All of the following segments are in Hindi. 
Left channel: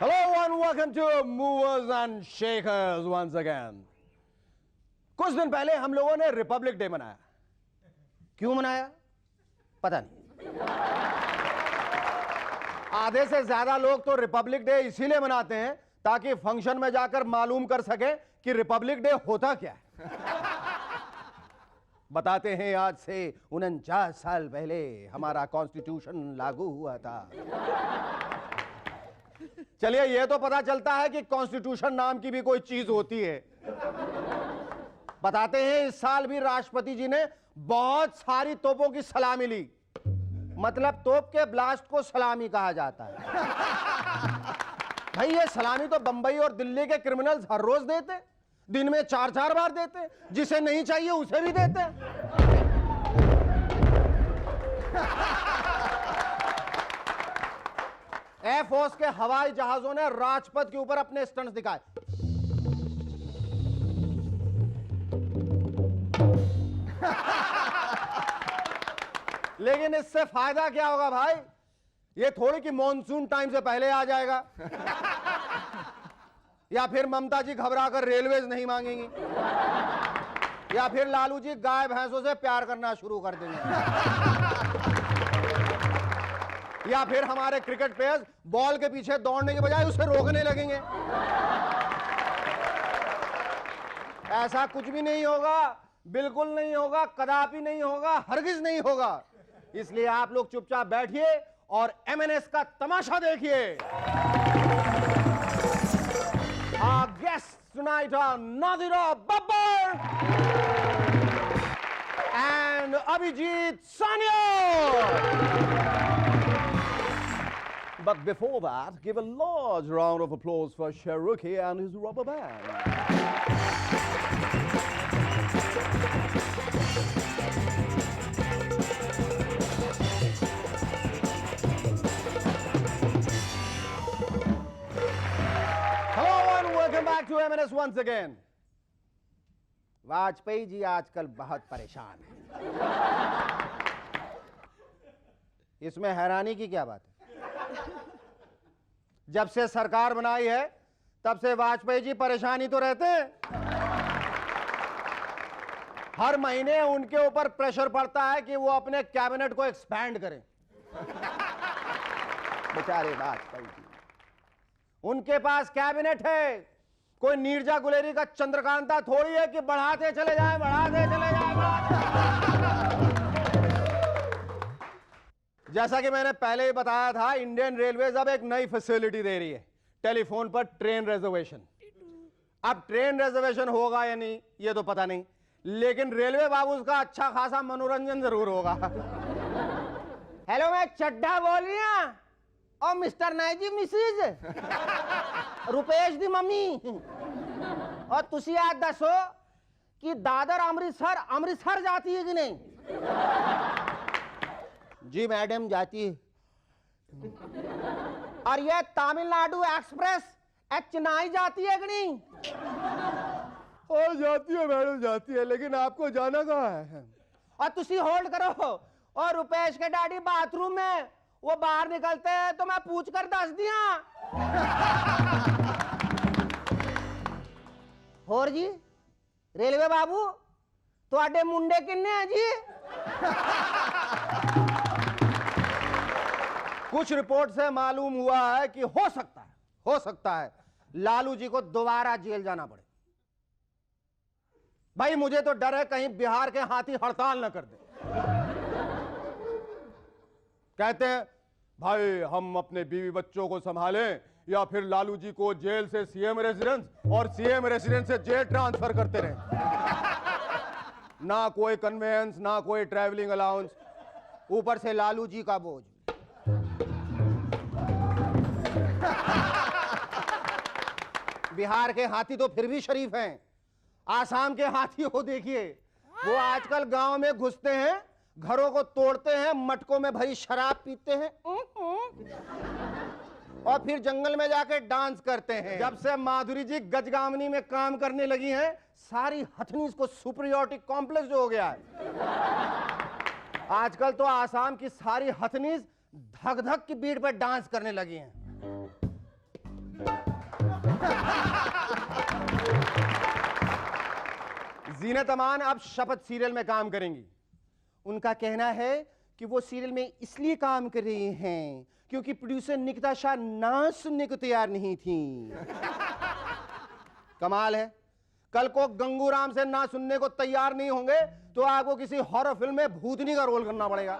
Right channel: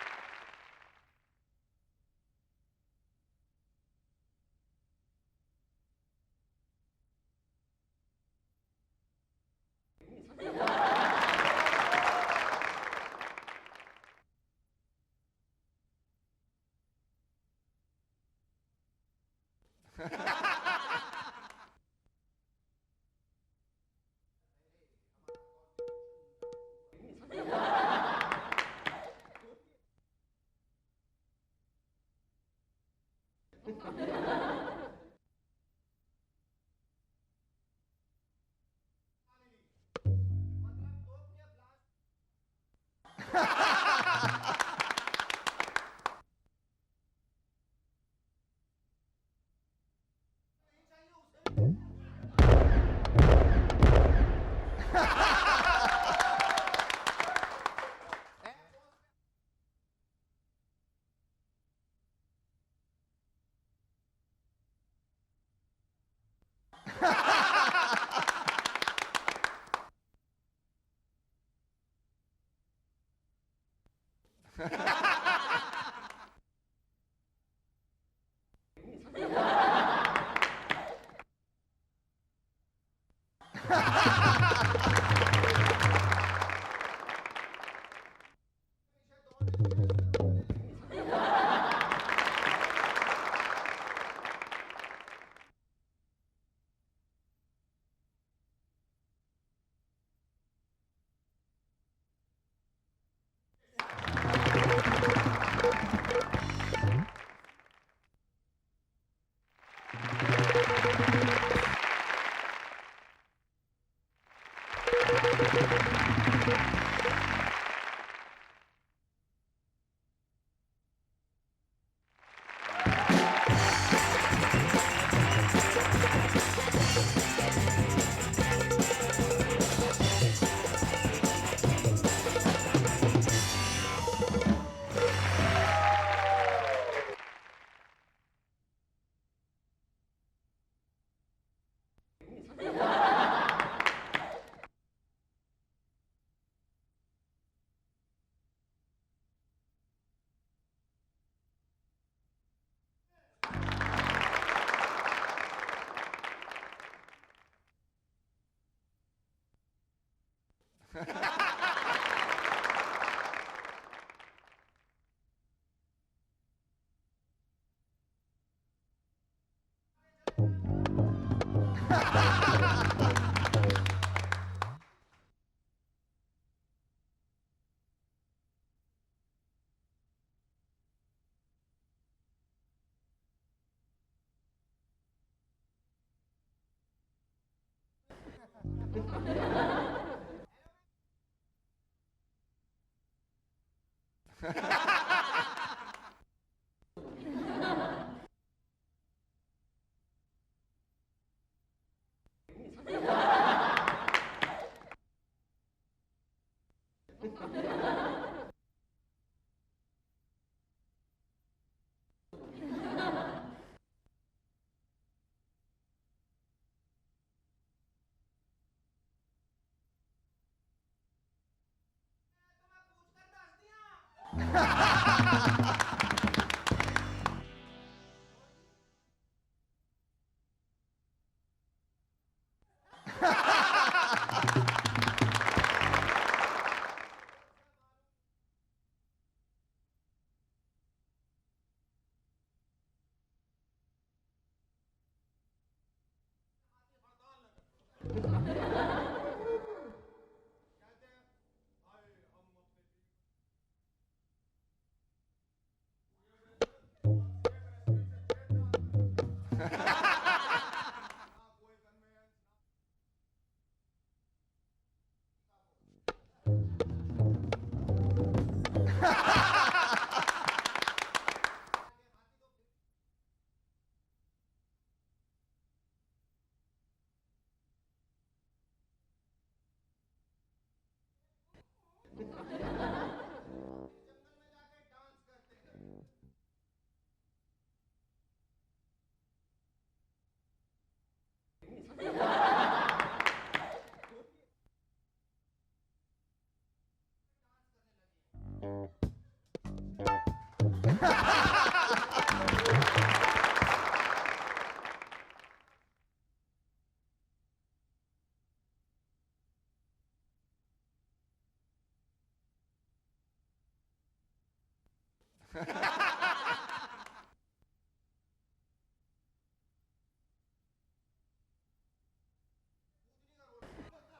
Hello and welcome to Movers and Shakers once again. कुछ दिन पहले हम लोगों ने रिपब्लिक डे मनाया. क्यों मनाया? पता नहीं. आधे से ज्यादा लोग तो रिपब्लिक डे इसीलिए मनाते हैं ताकि फंक्शन में जाकर मालूम कर सके कि रिपब्लिक डे होता क्या है. बताते हैं आज से 49 साल पहले हमारा कॉन्स्टिट्यूशन लागू हुआ था. चलिए यह तो पता चलता है कि कॉन्स्टिट्यूशन नाम की भी कोई चीज होती है. बताते हैं इस साल भी राष्ट्रपति जी ने बहुत सारी तोपों की सलामी ली. मतलब तोप के ब्लास्ट को सलामी कहा जाता है. भाई ये सलामी तो बंबई और दिल्ली के क्रिमिनल्स हर रोज देते, दिन में 4-4 बार देते. जिसे नहीं चाहिए उसे भी देते. एयरफोर्स के हवाई जहाजों ने राजपथ के ऊपर अपने स्टंट्स दिखाए. लेकिन इससे फायदा क्या होगा भाई? ये थोड़ी कि मॉनसून टाइम से पहले आ जाएगा या फिर ममता जी घबराकर रेलवेज नहीं मांगेंगी या फिर लालू जी गाय भैंसों से प्यार करना शुरू कर देंगे या फिर हमारे क्रिकेट प्लेयर्स बॉल के पीछे दौड़ने के बजाय उसे रोकने लगेंगे. ऐसा कुछ भी नहीं होगा, बिल्कुल नहीं होगा, कदापि नहीं होगा, हरगिज नहीं होगा. इसलिए आप लोग चुपचाप बैठिए और एमएनएस का तमाशा देखिए. Our guests tonight are Nadira Babbar and Abhijit Sanya. But before that, give a large round of applause for Shahrukh and his rubber band. Once again. Vajpayee ji आजकल बहुत परेशान हैं. इसमें हैरानी की क्या बात है? जब से सरकार बनाई है तब से वाजपेयी जी परेशान ही तो रहते हैं. हर महीने उनके ऊपर प्रेशर पड़ता है कि वो अपने कैबिनेट को एक्सपैंड करें. बेचारे वाजपेयी जी. उनके पास कैबिनेट है, कोई नीरजा गुलेरी का चंद्रकांता थोड़ी है कि बढ़ाते चले जाए, बढ़ाते चले जाए. जैसा कि मैंने पहले ही बताया था, इंडियन रेलवेज अब एक नई फैसिलिटी दे रही है, टेलीफोन पर ट्रेन रिजर्वेशन. अब ट्रेन रिजर्वेशन होगा या नहीं ये तो पता नहीं, लेकिन रेलवे बाबू का अच्छा खासा मनोरंजन जरूर होगा. हेलो, मैं चड्ढा बोल रही हूं और मिस्टर नाइक जी मिसिज रुपेश दी मम्मी. और तुसी आज दसो कि दादर अमृतसर जाती है कि नहीं? जी मैडम जाती है. और ये तमिलनाडु एक्सप्रेस चेन्नई जाती है कि नहीं? जाती है मैडम, जाती है, लेकिन आपको जाना कहाँ है? और तुसी होल्ड करो. और रुपेश के डैडी बाथरूम में वो बाहर निकलते हैं तो मैं पूछ कर दस दिया. और जी रेलवे बाबू तुहाडे मुंडे किन्ने हैं जी? कुछ रिपोर्ट से मालूम हुआ है कि हो सकता है लालू जी को दोबारा जेल जाना पड़े. भाई मुझे तो डर है कहीं बिहार के हाथी हड़ताल न कर दे. कहते हैं भाई हम अपने बीवी बच्चों को संभालें या फिर लालू जी को जेल से सीएम रेजिडेंस और सीएम रेजिडेंस से जेल ट्रांसफर करते रहे. ना कोई कन्वेंस, ना कोई ट्रैवलिंग अलाउंस, ऊपर से लालू जी का बोझ. बिहार के हाथी तो फिर भी शरीफ हैं. आसाम के हाथी को देखिए, वो आजकल गांव में घुसते हैं, घरों को तोड़ते हैं, मटकों में भरी शराब पीते हैं और फिर जंगल में जाके डांस करते हैं। जब से माधुरी जी गजगामनी में काम करने लगी हैं, सारी हथनीस को सुपीरियरिटी कॉम्प्लेक्स हो गया है। आजकल तो आसाम की सारी हथनीस धक धक की बीट पर डांस करने लगी हैं। जीनत अमान अब शपथ सीरियल में काम करेंगी। उनका कहना है कि वो सीरियल में इसलिए काम कर रही हैं क्योंकि प्रोड्यूसर निकिता शाह ना सुनने को तैयार नहीं थी। कमाल है, कल को गंगूराम से ना सुनने को तैयार नहीं होंगे तो आपको किसी हॉरर फिल्म में भूतनी का रोल करना पड़ेगा।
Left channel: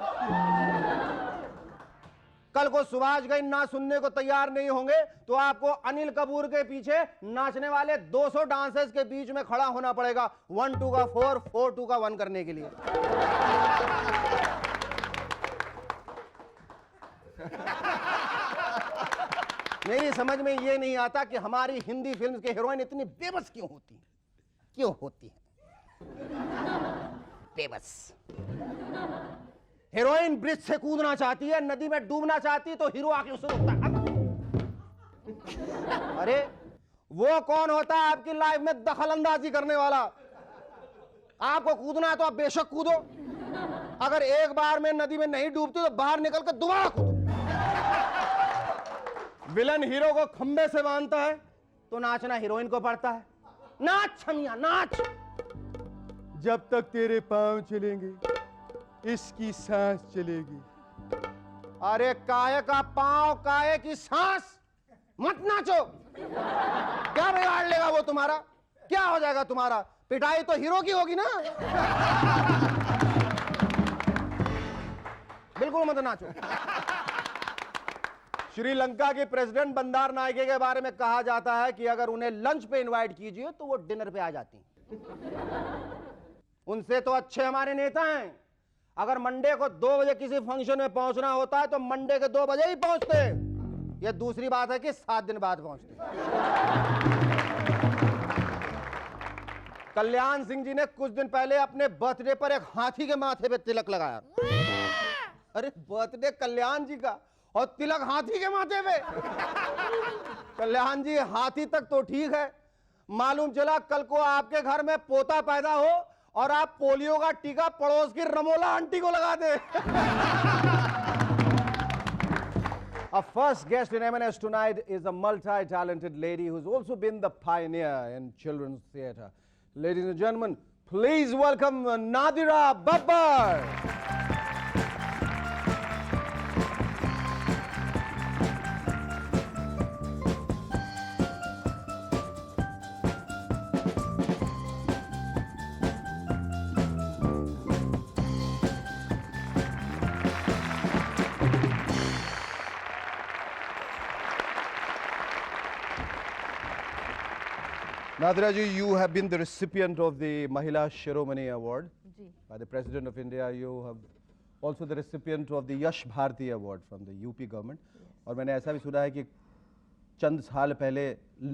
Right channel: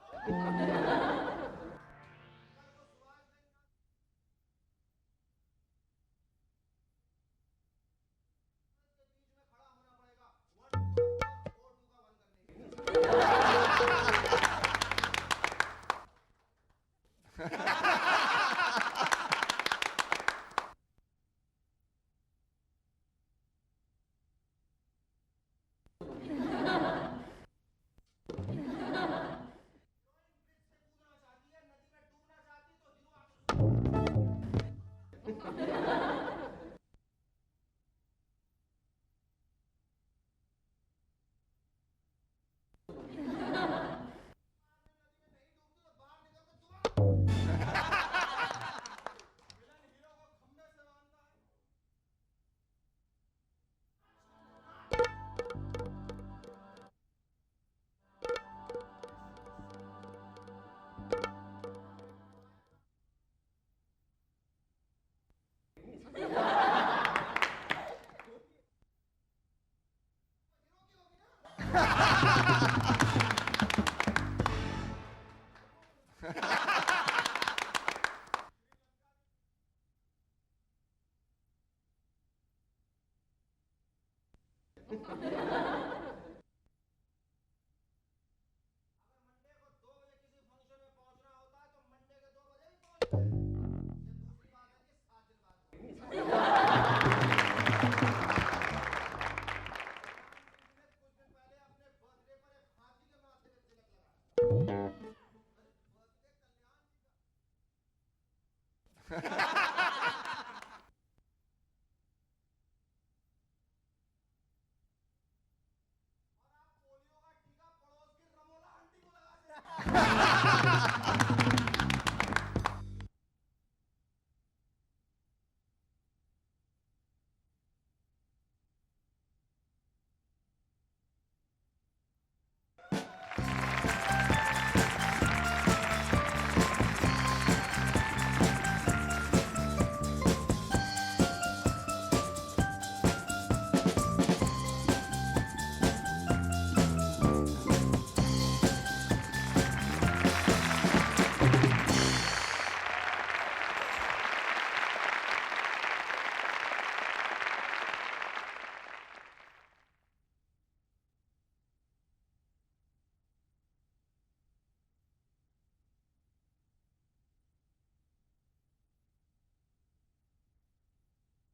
कल को सुभाष घई ना सुनने को तैयार नहीं होंगे तो आपको अनिल कपूर के पीछे नाचने वाले 200 डांसर्स के बीच में खड़ा होना पड़ेगा 1 2 का 4 4 2 का 1 करने के लिए। नहीं समझ में ये नहीं आता कि हमारी हिंदी फिल्म के हीरोइन इतनी बेबस क्यों होती है? क्यों होती है बेबस? हीरोइन ब्रिज से कूदना चाहती है, नदी में डूबना चाहती है तो हीरो आके उसे रोकता है। अरे वो कौन होता है आपकी लाइफ में दखल अंदाजी करने वाला? आपको कूदना है तो आप बेशक कूदो, अगर एक बार में नदी में नहीं डूबती तो बाहर निकल कर दोबारा कूदो। विलन हीरो को खंबे से बांधता है तो नाचना हीरोइन को पड़ता है। नाच छमिया नाच। जब तक तेरे पांव चलेंगे इसकी सांस चलेगी। अरे काहे का पांव काहे की सांस? मत नाचो। क्या बिगाड़ लेगा वो तुम्हारा? क्या हो जाएगा तुम्हारा? पिटाई तो हीरो की होगी ना। बिल्कुल मत नाचो। श्रीलंका के प्रेसिडेंट बंदार नायके के बारे में कहा जाता है कि अगर उन्हें लंच पे इनवाइट कीजिए तो वो डिनर पे आ जाती। उनसे तो अच्छे हमारे नेता हैं। अगर मंडे को 2 बजे किसी फंक्शन में पहुंचना होता है तो मंडे के 2 बजे ही पहुंचते। यह दूसरी बात है कि 7 दिन बाद पहुंचते। कल्याण सिंह जी ने कुछ दिन पहले अपने बर्थडे पर एक हाथी के माथे पे तिलक लगाया। अरे बर्थडे कल्याण जी का और तिलक हाथी के माथे पे। कल्याण जी हाथी तक तो ठीक है, मालूम चला कल को आपके घर में पोता पैदा हो और आप पोलियो का टीका पड़ोस की रमोला आंटी को लगा दे। Our first guest in M&S tonight is a multi-talented lady who's also been the pioneer in children's theatre. Ladies and gentlemen, please welcome Nadira Babbar. Nadira ji, you have been the recipient of the Mahila Shiromani Award by the President of India. You have also the recipient of the Yash Bharti Award from the UP government. और मैंने ऐसा भी सुना है कि चंद साल पहले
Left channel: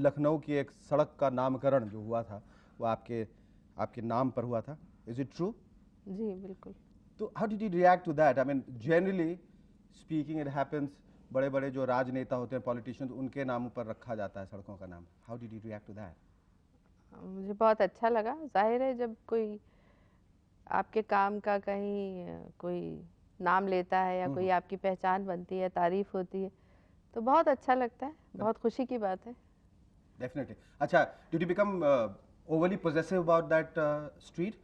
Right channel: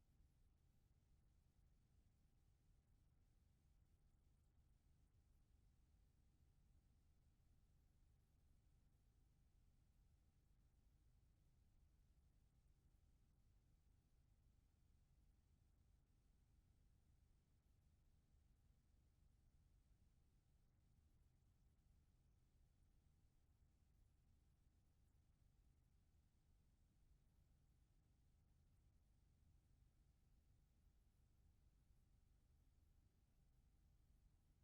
लखनऊ की एक सड़क का नामकरण जो हुआ था वो आपके नाम पर हुआ था. Is it true? जी बिल्कुल. तो how did you react to that? I mean, generally speaking, it happens. बड़े-बड़े जो राजनेता होते हैं, politicians, उनके नामों पर रखा जाता है सड़कों का नाम. How did you react to that? मुझे बहुत अच्छा लगा. जाहिर है जब कोई आपके काम का कहीं कोई नाम लेता है या कोई आपकी पहचान बनती है, तारीफ होती है, तो बहुत अच्छा लगता है. बहुत खुशी की बात है. Definitely. अच्छा, did you become overly possessive about that street?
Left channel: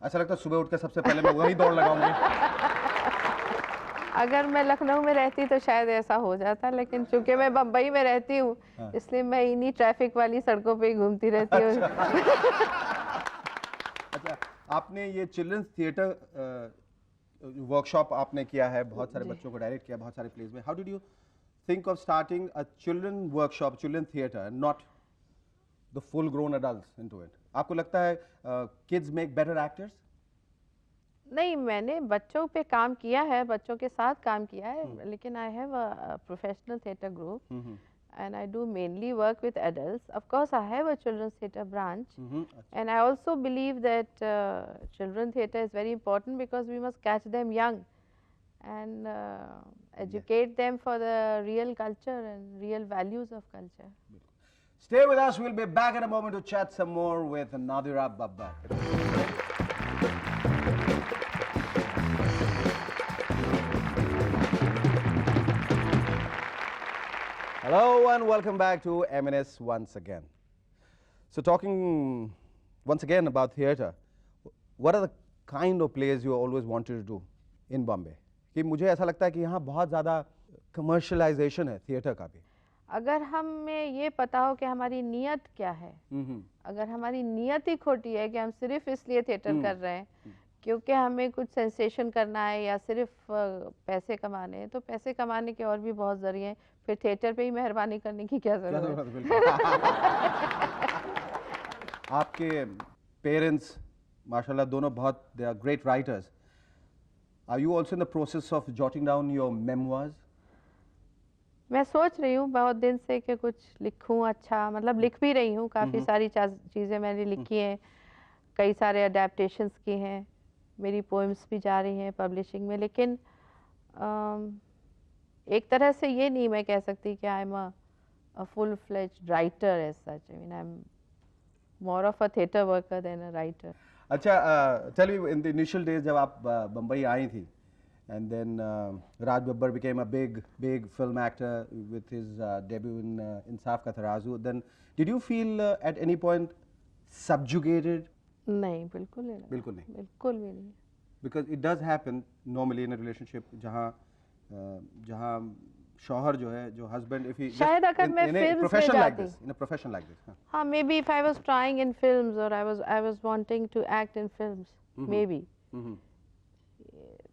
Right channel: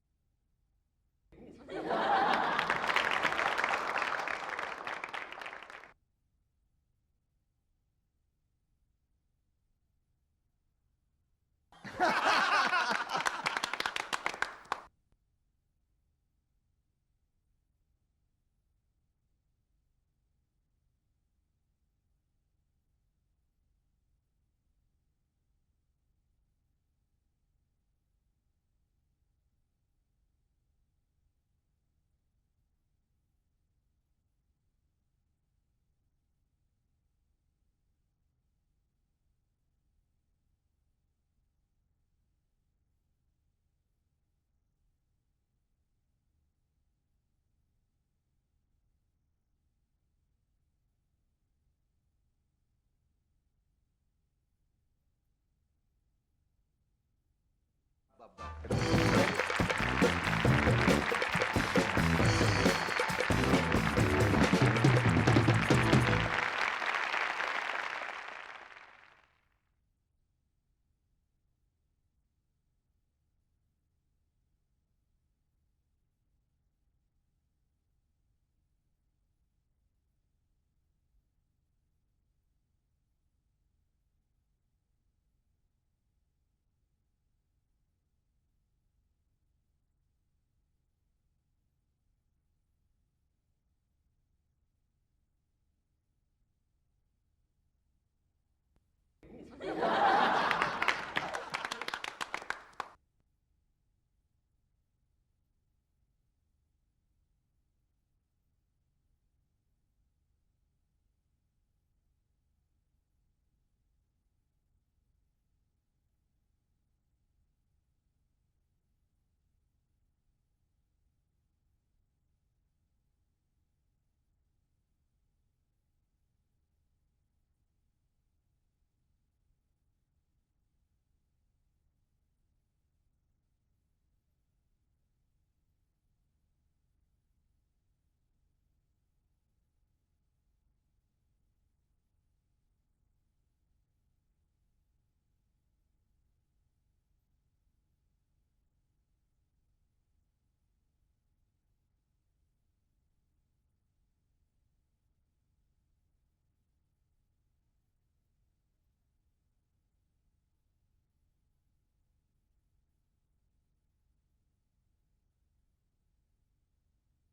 ऐसा लगता है सुबह उठ के सबसे पहले मैं वहीं दौड़ लगाऊंगा. अगर मैं लखनऊ में रहती तो शायद ऐसा हो जाता, लेकिन चूंकि मैं बम्बई में रहती हूँ, इसलिए मैं इन्हीं ट्रैफिक वाली सड़कों पे ही घूमती रहती हूँ. अच्छा, आपने ये चिल्ड्रंस थिएटर वर्कशॉप आपने किया है, बहुत सारे बच्चों को डायरेक्ट किया, बहुत सारे प्लेस में. How did you think of starting a children workshop, children theatre, and not the full grown adults into it? आपको लगता है kids make better actors? नहीं, मैंने बच्चों पे काम किया है, बच्चों के साथ काम किया है, लेकिन I have a professional theatre group and I do mainly work with adults. Of course, I have a children's theatre branch and I also believe that children theatre is very important because we must catch them young. And educate them for the real culture and real values of culture. Stay with us. We'll be back in a moment to chat some more with Nadira Babbar. Hello and welcome back to M&S once again. So talking once again about theatre, what are the kind of plays you always wanted to do in Bombay? कि मुझे ऐसा लगता है कि यहाँ बहुत ज़्यादा commercialization है theatre का भी. अगर हमें ये पता हो कि हमारी नीयत क्या है, अगर हमारी नीयत ही खोटी है कि हम सिर्फ इसलिए थिएटर कर रहे हैं क्योंकि हमें कुछ सेंसेशन करना है या सिर्फ पैसे कमाने हैं, तो पैसे कमाने के और भी बहुत जरिए हैं, फिर थिएटर पे ही मेहरबानी करने की क्या जरूरत है? आपके पेरेंट्स माशाल्लाह दोनों बहुत they are great writers. Are you also in the process of jotting down your memoirs? मैं सोच रही हूँ बहुत दिन से कि कुछ लिखूँ, अच्छा मतलब लिख भी रही हूँ, काफ़ी सारी चीज़ें मैंने लिखी हैं, कई सारे अडेप्टेशंस की हैं, मेरी पोएम्स भी जा रही हैं पब्लिशिंग में, लेकिन एक तरह से ये नहीं मैं कह सकती कि I am a full fledged writer as such. I mean I am more of a theatre worker than a writer. अच्छा, tell me in the initial days जब आप बम्बई आई थी, and then Raj Babbar became a big film actor with his debut in Insaf Ka Tarazu. Then did you feel at any point subjugated? नहीं, बिल्कुल नहीं. बिल्कुल नहीं. बिल्कुल भी नहीं. Because it does happen normally in a relationship जहाँ शौहर जो है, जो husband, if he शायद अगर मैं फिल्म्स में जाती, in a profession like this, हाँ, maybe if I was trying in films or I was wanting to act in films, maybe.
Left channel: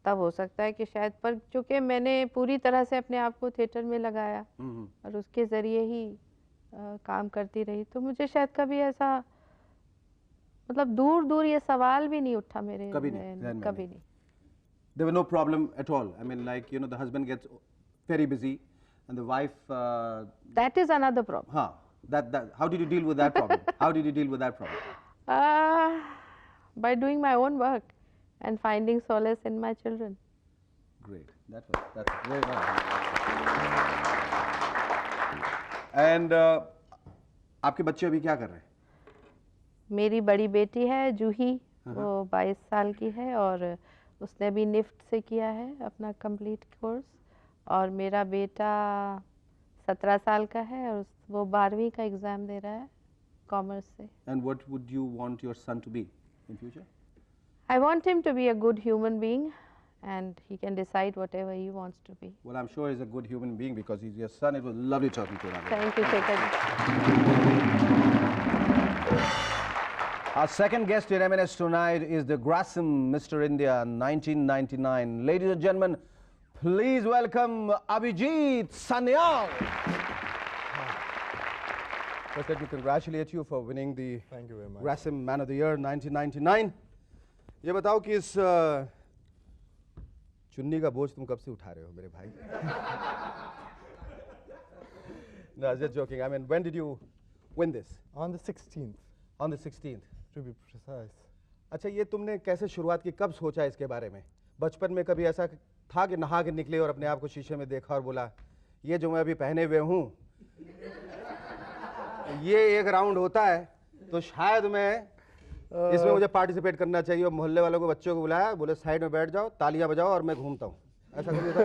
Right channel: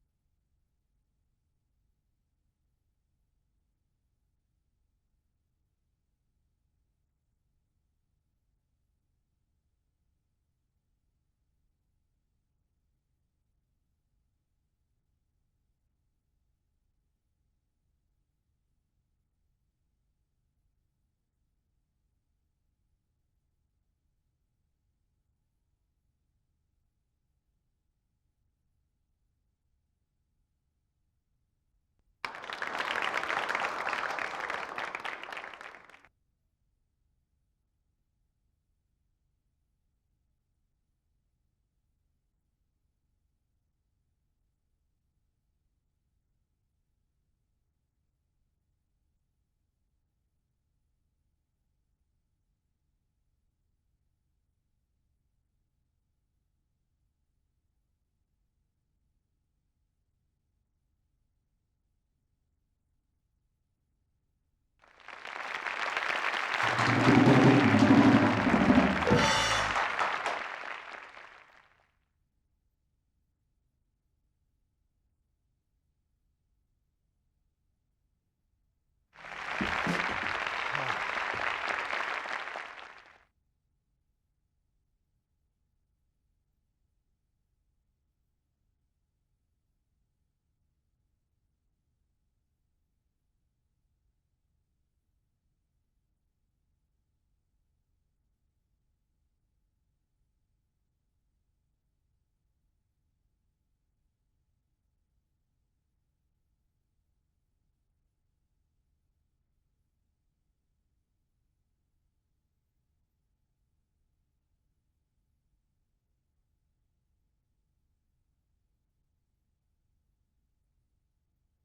तब हो सकता है कि शायद, पर चूंकि मैंने पूरी तरह से अपने आप को थिएटर में लगाया और उसके ज़रिए ही काम करती रही, तो मुझे शायद कभी ऐसा मतलब दूर ये सवाल भी नहीं उठा मेरे कभी नहीं. There were no problem at all. I mean, like, you know, the husband gets very busy and the wife... that is another problem. हाँ, that how did you deal with that problem? How did you deal with that problem? By doing my own work and finding solace in my children. Great. That's very nice. And आपके बच्चे अभी क्या कर रहे हैं? मेरी बड़ी बेटी है जूही, वो 22 साल की है और उसने भी निफ्ट से किया है अपना कंप्लीट कोर्स, और मेरा बेटा 17 साल का है और वो 12वीं का एग्जाम दे रहा है कॉमर्स से. And what would you want your son to be in future? I want him to be a good human being and he can decide whatever he wants to be. Well, I'm sure he's a good human being because he's your son. It was lovely talking to you. Thank you, Chetan. Our second guest in M&S tonight is the Grasim Mr. India 1999. Ladies and gentlemen, please welcome Abhijit Sanyal. Let me congratulate you for winning the Thank you very much. Grasim Man of the Year 1999. ये बताओ कि इस चुन्नी का बोझ तुम कब से उठा रहे हो मेरे भाई? No, I was just joking. I mean, when did you win this? On the 16th, On the 16th. to be precise. अच्छा, ये तुमने कैसे शुरुआत की, कब सोचा इसके बारे में? बचपन में कभी ऐसा था कि नहा के निकले और अपने आप को शीशे में देखा और बोला ये जो मैं अभी पहने हुए हूँ ये एक राउंड होता है तो शायद मैं इसमें मुझे पार्टिसिपेट करना चाहिए, और मोहल्ले वालों को, बच्चों को बुलाया, बोले साइड में बैठ जाओ, तालियां बजाओ और मैं घूमता हूँ, ऐसा कभी था?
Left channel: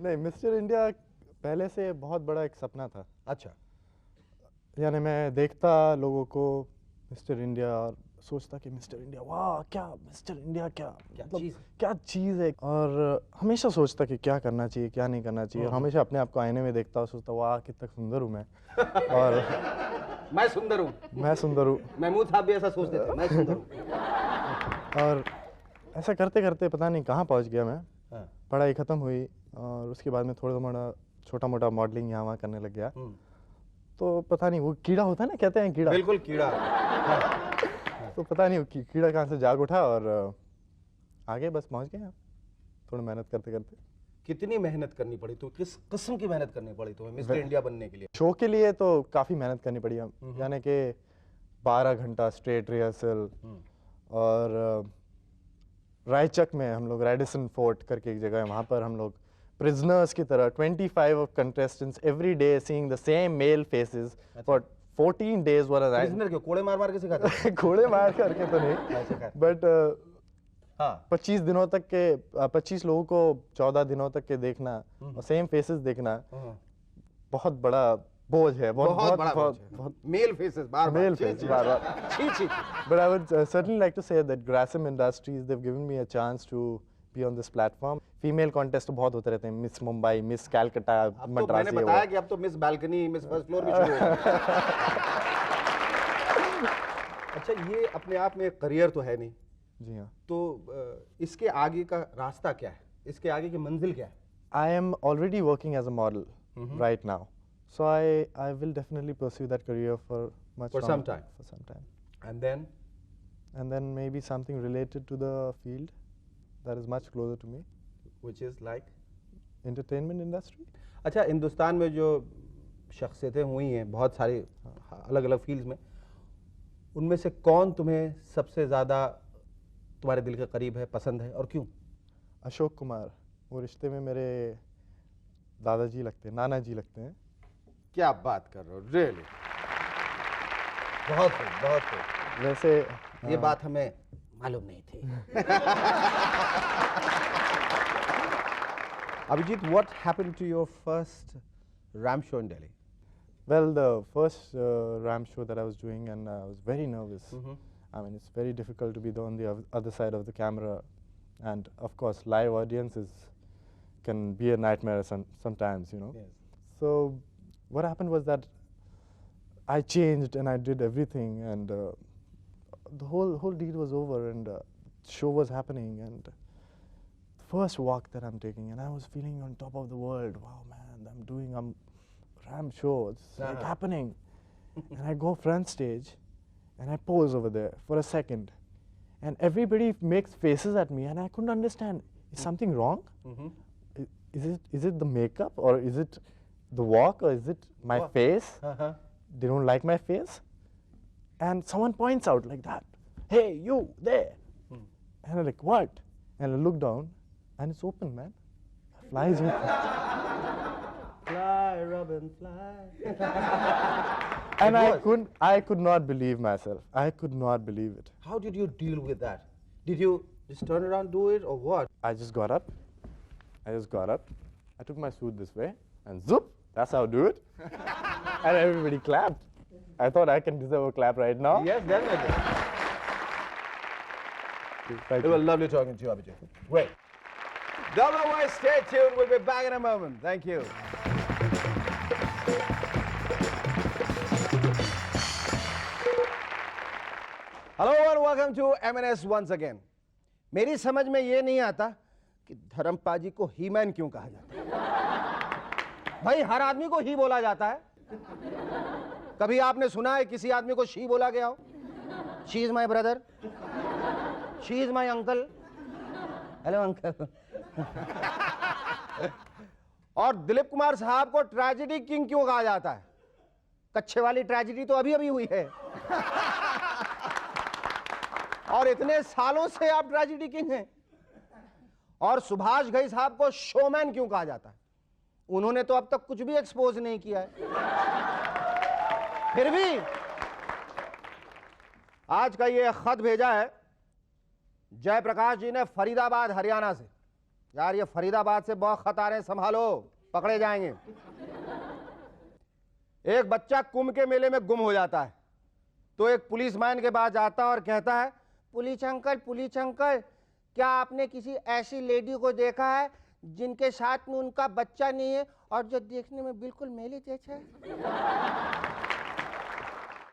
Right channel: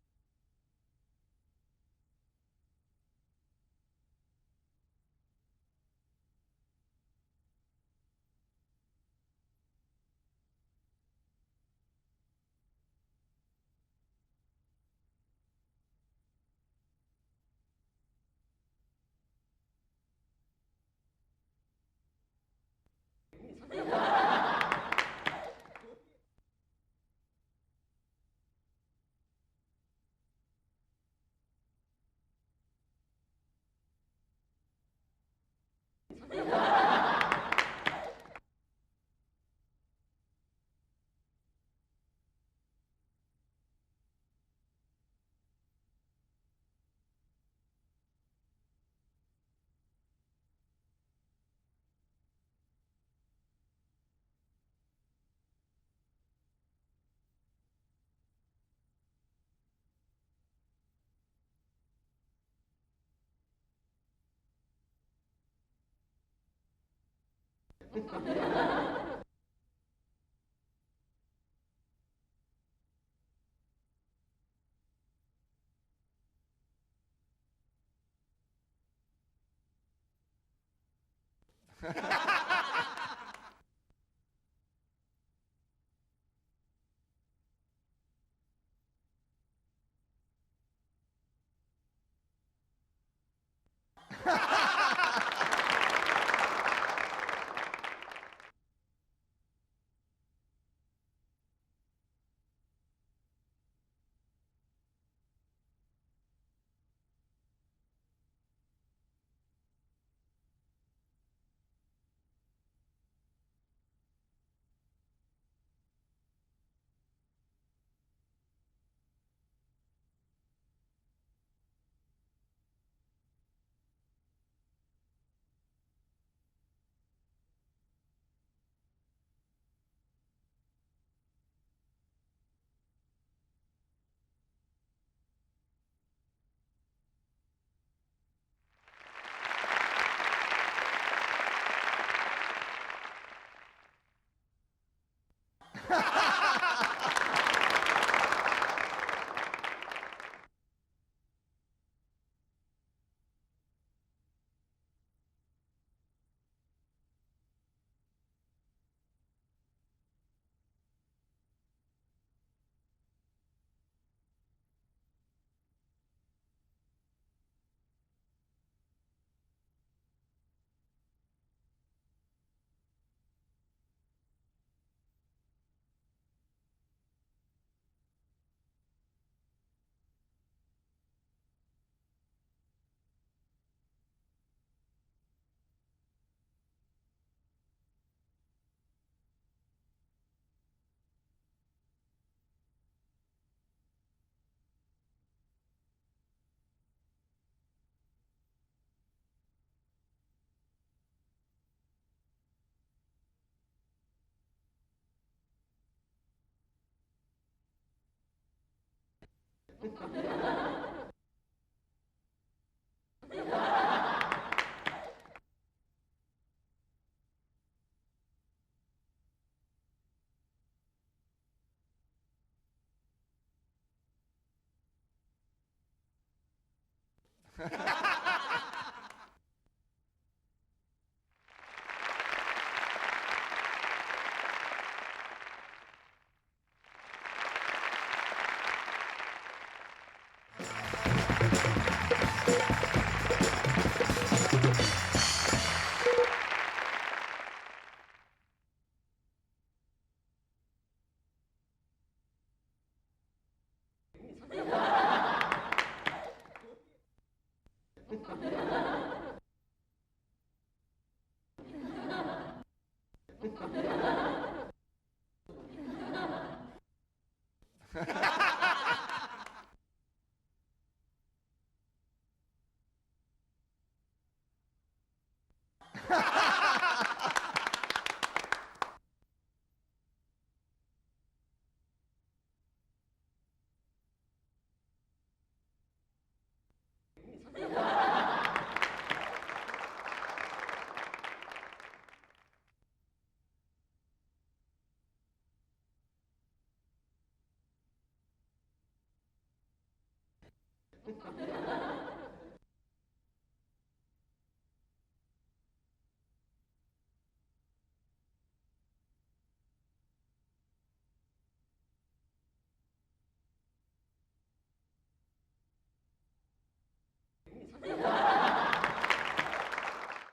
नहीं, मिस्टर इंडिया पहले से बहुत बड़ा एक सपना था. अच्छा. यानी मैं देखता लोगों को मिस्टर इंडिया और सोचता कि मिस्टर इंडिया, वाह क्या मिस्टर इंडिया, क्या मतलब क्या चीज़ है, और हमेशा सोचता कि क्या करना चाहिए क्या नहीं करना चाहिए, और हमेशा अपने आप को आईने में देखता और सोचता वाह कितना सुंदर हूँ मैं. और मैं सुंदर हूँ. मैं सुंदर हूँ. महमूद साहब भी ऐसा सोचते थे, मैं सुंदर हूँ. और ऐसा करते करते पता नहीं कहाँ पहुँच गया मैं. पढ़ाई ख़त्म हुई और उसके बाद में थोड़ा मोड़ा छोटा मोटा मॉडलिंग यहाँ वहाँ करने लग गया. तो पता नहीं वो कीड़ा होता है ना, कहते हैं कीड़ा. बिल्कुल कीड़ा. तो पता नहीं वो कीड़ा कहाँ से जाग उठा और आगे बस पहुँच गए. थोड़ा मेहनत करते करते. कितनी मेहनत करनी पड़ी, तो किस किस्म की मेहनत करनी पड़ी तुम्हें मिस्टर इंडिया बनने के लिए? शो के लिए तो काफ़ी मेहनत करनी पड़ी. यानी कि 12 घंटा स्ट्रेट रिहर्सल, और रायचक में हम लोग रेडिसन फोर्ट करके एक जगह है, वहाँ पर हम लोग prisoners की तरह 25 of contestants every day seeing the same male faces for 14 days was a prisoner क्यों कोड़े मार मार के सिखाते हैं? घोड़े मार करके तो नहीं बट हाँ 25 दिनों तक के 25 लोगों को 14 दिनों तक के देखना और सेम फेसेस देखना बहुत बड़ा बोझ है बहुत बड़ा बहुत मेल फेसेस बार बार मेल फेस बार बार but I would certainly like to say that Grasim Industries they've given me a chance to be on this platform female contest तो बहुत होते रहते हैं मिस मुंबई मिस कैलकाटा अब तो मैंने मद्रासी बताया कि अब तो miss balcony miss first floor भी शुरू हो गया। अच्छा ये अपने आप में एक करियर तो है नहीं, जी हाँ तो इसके आगे का रास्ता क्या है, इसके आगे की मंजिल क्या है? I am already working as a model right now so I will definitely pursue that career for much For some longer- time. for some time And then maybe something related to the field that is much closer to me which is like entertainment industry अच्छा हिंदुस्तान में जो शख्सियतें हुई हैं बहुत सारी अलग अलग फील्ड्स में, उनमें से कौन तुम्हें सबसे ज़्यादा तुम्हारे दिल के करीब है, पसंद है और क्यों? अशोक कुमार वो रिश्ते में मेरे दादाजी लगते हैं नाना जी लगते हैं क्या बात कर रहे हो, रियली बहुत खूब। वैसे ये बात हमें मालूम नहीं थी। Abhijit, what happened to your first Ram show in Delhi? well the first Ram show that I was doing and I was very nervous I mean it's very difficult to be on the other side of the camera and of course live audiences can be a nightmare sometimes you know Yes. so what happened was that I changed and I did everything and the whole deal was over and show was happening and first walk that I'm taking and I was feeling on top of the world. Wow man, I'm doing Ram show, it's like happening. And I go front stage and I pose over there for a second and everybody makes faces at me and I couldn't understand, is something wrong? Is it the makeup or is it the walk or is it my face? They don't like my face and someone points out like that, hey you there, and I'm like what, and I look down and it's open man, flies open. Fly, Robin, fly. And I could not believe myself. I could not believe it. How did you deal with that? Did you just turn around, do it, or what? I just got up. I took my suit this way and zoop, that's how I do it. And everybody clapped. I thought I can deserve a clap right now. Yes, definitely. Thank It you. was lovely talking to you, Abhijit. Great. Governor Wise, stay tuned. We'll be back in a moment. Thank you. Hello and welcome to MNS once again. मेरी समझ में ये नहीं आता कि धर्मपाल जी को ही मैन क्यों कहा जाता। भाई हर आदमी को ही बोला जाता है। कभी आपने सुना है किसी आदमी को शी बोला गया हो? She is my brother. She is my uncle. Hello uncle. और दिलीप कुमार साहब को ट्रेजेडी किंग क्यों कहा जाता है? कच्छे वाली ट्रेजेडी तो अभी अभी हुई है। और इतने सालों से आप ट्रेजेडी किंग हैं। और सुभाष घई साहब को शोमैन क्यों कहा जाता है? उन्होंने तो अब तक कुछ भी एक्सपोज नहीं किया है। फिर भी आज का ये खत भेजा है जयप्रकाश जी ने फरीदाबाद हरियाणा से। यार ये फरीदाबाद से बहुत खत आ रहे हैं, संभालो, पकड़े जाएंगे। एक बच्चा कुंभ के मेले में गुम हो जाता है तो एक पुलिसमैन के पास जाता है और कहता है, पुलिस अंकल, क्या आपने किसी ऐसी लेडी को देखा है जिनके साथ में उनका बच्चा नहीं है और जो देखने में बिल्कुल मेले जैसा है?